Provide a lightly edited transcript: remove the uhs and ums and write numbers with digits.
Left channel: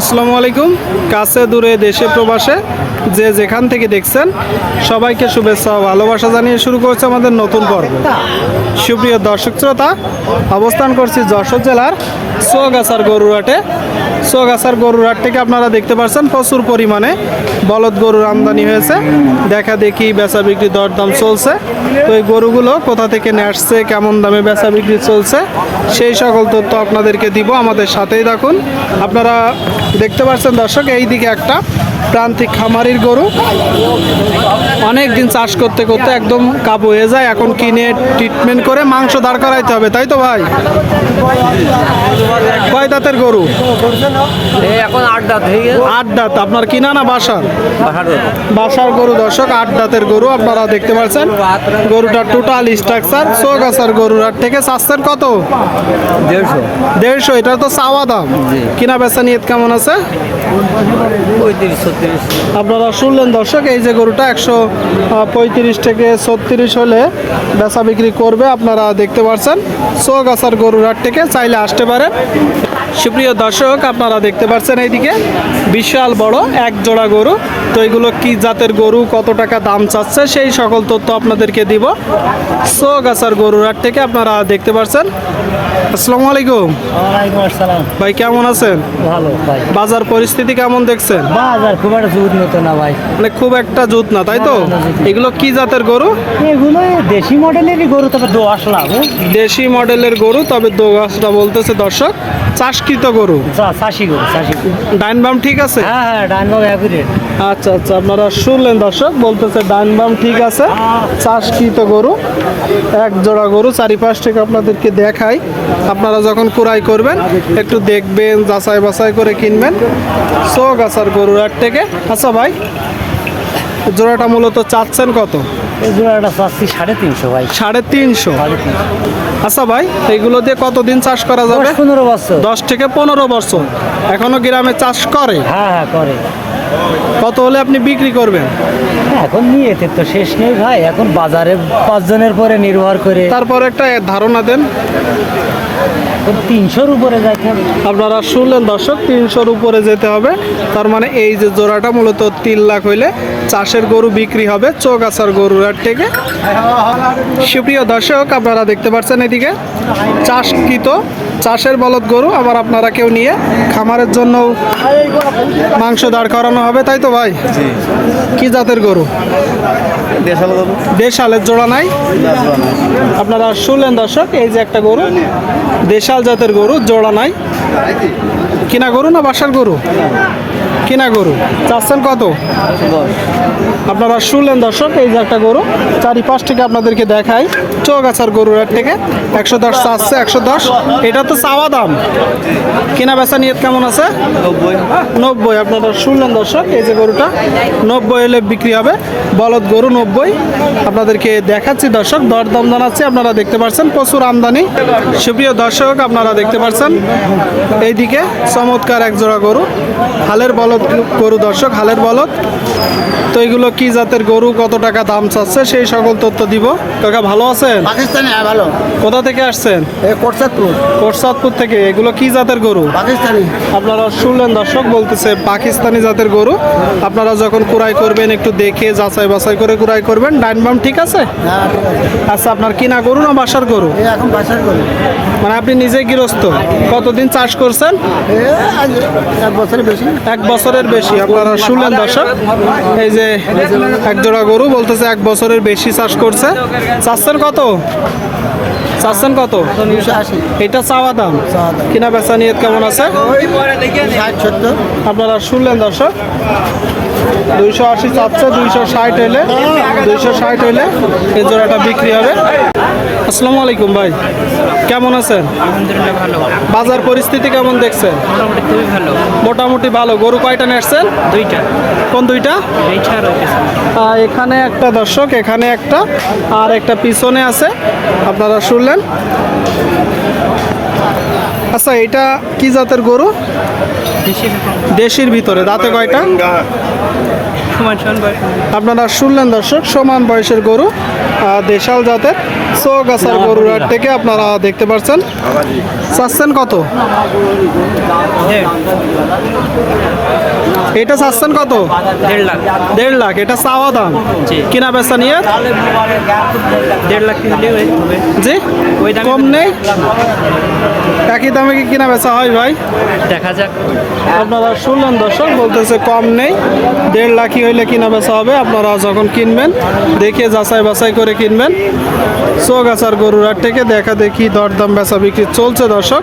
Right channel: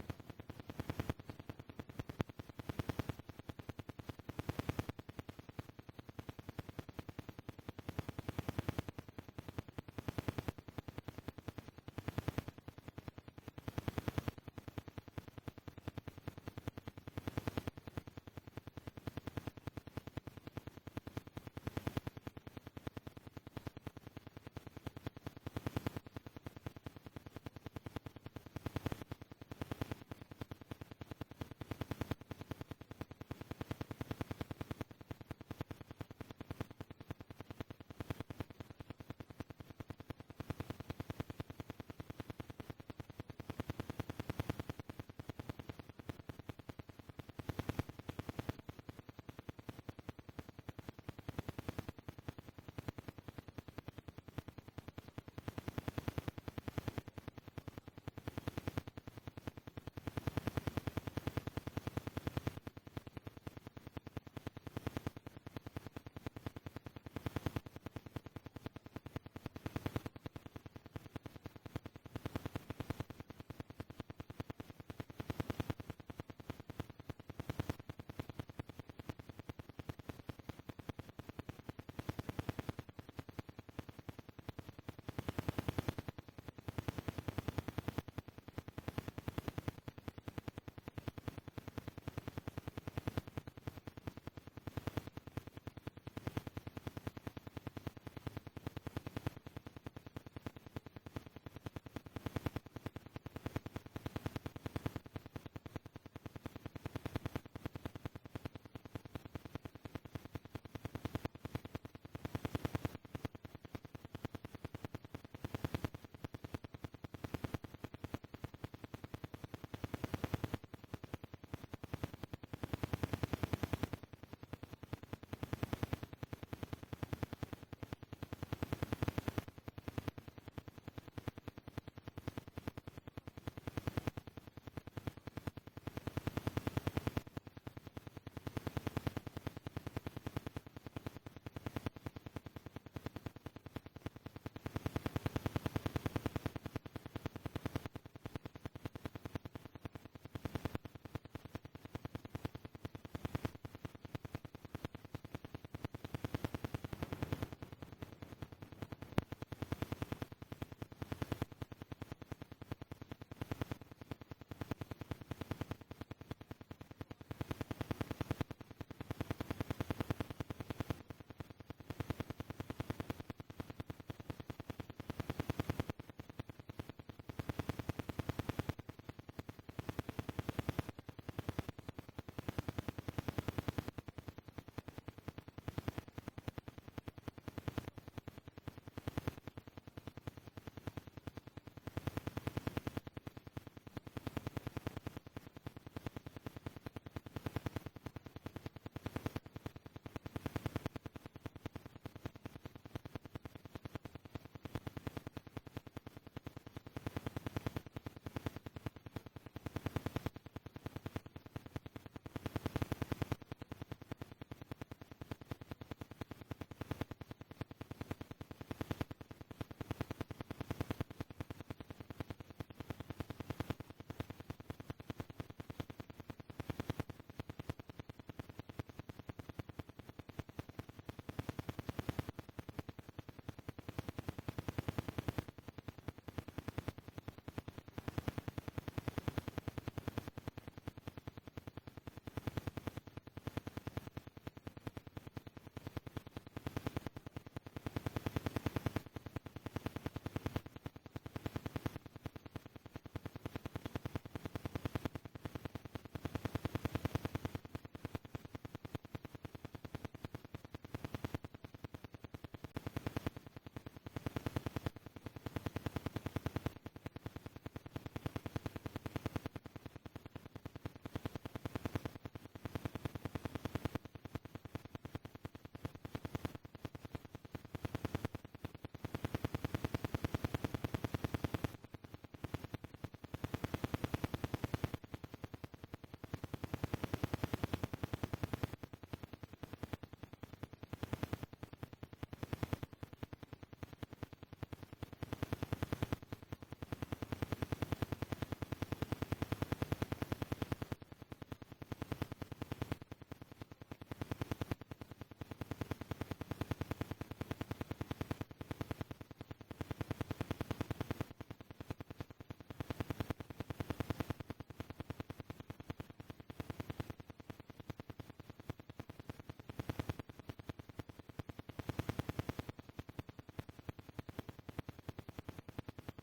আসসালামু আলাইকুম। কাছে দূরে দেশে প্রবাসে যে যেখান থেকে দেখছেন সবাইকে শুভেচ্ছা ও ভালোবাসা জানিয়ে শুরু করছে আমাদের নতুন পর্ব। সুপ্রিয় দর্শক শ্রোতা, অবস্থান করছি যশোর জেলার চৌগাছার গরুরহাটে। চৌগাছার গরুরহাট থেকে আপনারা দেখতে পাচ্ছেন প্রচুর পরিমাণে বলদ গরুর আমদানি হয়েছে। দেখা দেখি বেচা বিক্রি দরদাম চলছে। তো এই গরুগুলো কোথা থেকে নিয়ে আসছে, কেমন দামে বেচা বিক্রি চলছে, সেই সকল তথ্য আপনাদেরকে দিব। আমাদের সাথেই থাকুন। আপনারা দেখতে পাচ্ছেন দর্শক, এই দিকে একটা প্রান্তিক খামারির গরু অনেক দিন চাষ করতে করতে একদম কাবু হয়ে যায়। এখন কিনে ট্রিটমেন্ট করে মাংস দাঁড় করাইতে হবে, তাই তো ভাই? কয় দাঁতের গরু? এখন 8 দাঁত হয়ে গেছে। 8 দাঁত। আপনার কিনা না বাসার? বাসার গরু দর্শক, 8 দাঁতের গরু আপনারা দেখতে পাচ্ছেন। গরুটার টোটাল স্ট্রাকচার চৌগাছার গরুর থেকে চাচ্ছেন কত? 150। এটা তো চাওয়া দাম। কিনা বেচা নিয়ত কেমন আছে? 35-36। আপনারা শুনলেন দর্শক, এই যে গরুটা 135 থেকে 36 হলে বেচা বিক্রি করবে। আপনারা দেখতে পাচ্ছেন চৌগাছার গরুর হাট থেকে চাইলে আসতে পারেন। সুপ্রিয় দর্শক, আপনারা দেখতে পাচ্ছেন এইদিকে বিশাল বড় এক জোড়া গরু। তো এগুলো কি জাতের গরু, কত টাকা দাম চাচ্ছে, সেই সকল তথ্য আপনাদেরকে দিব চৌগাছার গরুর হাট থেকে। আপনারা দেখতে পাচ্ছেন। আসসালামু আলাইকুম। ওয়ালাইকুম আসসালাম। ভাই কেমন আছেন? ভালো ভাই। বাজার পরিস্থিতি কেমন দেখছেন? বাজার খুব একটা জুত মতো না ভাই। মানে খুব একটা জুত না, তাই তো? এগুলো কি জাতের গরু? এগুলো দেশি মডেলেরই গরু, তবে দোয়াশ লাভ। দেশি মডেলের গরু, তবে দোগাছটা বলতেছে দর্শক চাষকৃত গরু। চাষি গরু, চাষি। ডাইন বাম ঠিক আছে? হ্যাঁ হ্যাঁ, ডাইনবাগ অ্যাকুরেট। আচ্ছা আচ্ছা, আপনারা শুনলেন দর্শক, বলতেছে ডাইন বাম ঠিক আছে, চাষকৃত গরু। এক জোড়া গরু চারিপাশ থেকে আপনাদেরকে দেখাই। আপনারা যখন ক্রয় করবেন একটু দেখবেন, যাচাই বাছাই করে কিনবেন চৌগাছার গরুর হাট থেকে। আচ্ছা ভাই, জোড়াটা মূলত চাচ্ছেন কত? এই জোড়াটা চাচ্ছি 350 ভাই। 350। আচ্ছা ভাই, এইগুলো দিয়ে কতদিন চাষ করা যাবে? 10-15 বছর। 10 থেকে 15 বছর। এখনো গ্রামে চাষ করে? হ্যাঁ হ্যাঁ করে। কত হলে আপনি বিক্রি করবেন? এখন নিয়েতে তো শেষ নেই ভাই। এখন বাজারে 5 জনের পরে নির্ভর করে। তারপর একটা ধারণা দেন। 300-র উপরে যাইতে হবে। আপনারা শুনলেন দর্শক, 300-র উপরে যেতে হবে। তার মানে এই যে জোড়াটা মূলত 3 লাখ হইলে চাষের গরু বিক্রি হবে চৌগাছার গরুর হাট থেকে। সুপ্রিয় দর্শক, আপনারা দেখতে পাচ্ছেন এদিকে চাষকৃত চাষের বলদ গরু। আবার আপনারা কেউ নিয়ে খামারের জন্য মাংস দাঁড় করানো হবে, তাই তো ভাই? কি জাতের গরু? দেশালের জোড়া নাই? আপনারা শুনলেন দর্শক, এই যে একটা গরু দেশাল জাতের গরু, জোড়া নাই। কিনা গরু না বাসার গরু? কিনা গরু। চাচ্ছেন কত? আপনারা শুনলেন দর্শক, এই যে একটা গরু চারিপাশ থেকে আপনাদেরকে দেখাই চৌগাছার গরুর হাট থেকে। 110 চাচ্ছে, 110। এটা তো চাওয়া দাম। কিনা বেচা নিয়ত কেমন আছে? 90। আপনারা শুনলেন দর্শক, এই যে গরুটা 90 হলে বিক্রি হবে। বলদ গরু 90 আপনাদেরকে দেখাচ্ছি দর্শক, দরদাম জানাচ্ছি। আপনারা দেখতে পাচ্ছেন প্রচুর আমদানি। সুপ্রিয় দর্শক, আপনারা দেখতে পাচ্ছেন এইদিকে চমৎকার এক জোড়া গরু, হালের বলদ গরু দর্শক, হালের বলদ। তো এগুলো কি জাতের গরু, কত টাকা দাম চাচ্ছে, সেই সকল তথ্য দিব। কাকা ভালো আছেন? পাকিস্তানি। হ্যাঁ ভালো। কোথা থেকে আসছেন? কোটসাদপুর। কোটসাদপুর থেকে। এগুলো কি জাতের গরু? পাকিস্তানি। আপনারা শুনলেন দর্শক, বলতেছে পাকিস্তানি জাতের গরু। আপনারা যখন ক্রয় করবেন একটু দেখে যাচাই বাছাই করে ক্রয় করবেন। ডাইন বাম ঠিক আছে? হ্যাঁ ঠিক আছে। আচ্ছা, আপনার কিনা গরু না বাসার গরু? এখন বাসার গরু। মানে আপনি নিজে গৃহস্থ? কতদিন চাষ করছেন? 1 বছরের বেশি। 1 বছরের বেশি। আপনারা শুনলেন দর্শক, এই যে এক জোড়া গরু, বলতেছে 1 বছরের বেশি চাষ করছে। চাচ্ছেন কত? চাচ্ছেন কত? 280। এটা চাওয়া দাম। কিনা বেচা নিয়ত কেমন আছে? 60-70। আপনারা শুনলেন দর্শক, 280 চাচ্ছে। 260 হলে 260 হলে এই জোড়াটা বিক্রি হবে। আসসালামু আলাইকুম ভাই, কেমন আছেন? আলহামদুলিল্লাহ ভালো। বাজার পরিস্থিতি কেমন দেখছেন? মোটামুটি খুবই ভালো। মোটামুটি ভালো। গরু কয়টা নিয়েছেন? 2টা। কোন 2টা? এইটা আর ওইটা। এখানে একটা দর্শক, এখানে একটা, আর একটা পিছনে আছে। আপনারা শুনলেন। আচ্ছা, এটা কি জাতের গরু? দেশির ভিতরে। দাঁতে কয়টা? আপনারা শুনলেন দর্শক, সমান বয়সের গরু, দেশাল জাতের চৌগাছার গরুর হাট থেকে আপনারা দেখতে পাচ্ছেন। চাচ্ছেন কত? এটা চাচ্ছেন কত? 1.5 লাখ। 1.5 লাখ, এটা চাওয়া দাম। জি। কিনা বেচা নিয়ে 1.5 লাখ কিনলে হবে। জি, ওই দামে কম নেই? একই দামে কি কিনা বেচা হয় ভাই? দেখা যাক। আপনারা শুনলেন দর্শক, বলতেছে কম নেই, 1.5 লাখই হইলে কিনা বেচা হবে। আপনারা যখন কিনবেন দেখে যাচাই বাছাই করে কিনবেন। চৌগাছার গরুর হাট থেকে দেখা দেখি দরদাম বেচা বিক্রি চলছে দর্শক।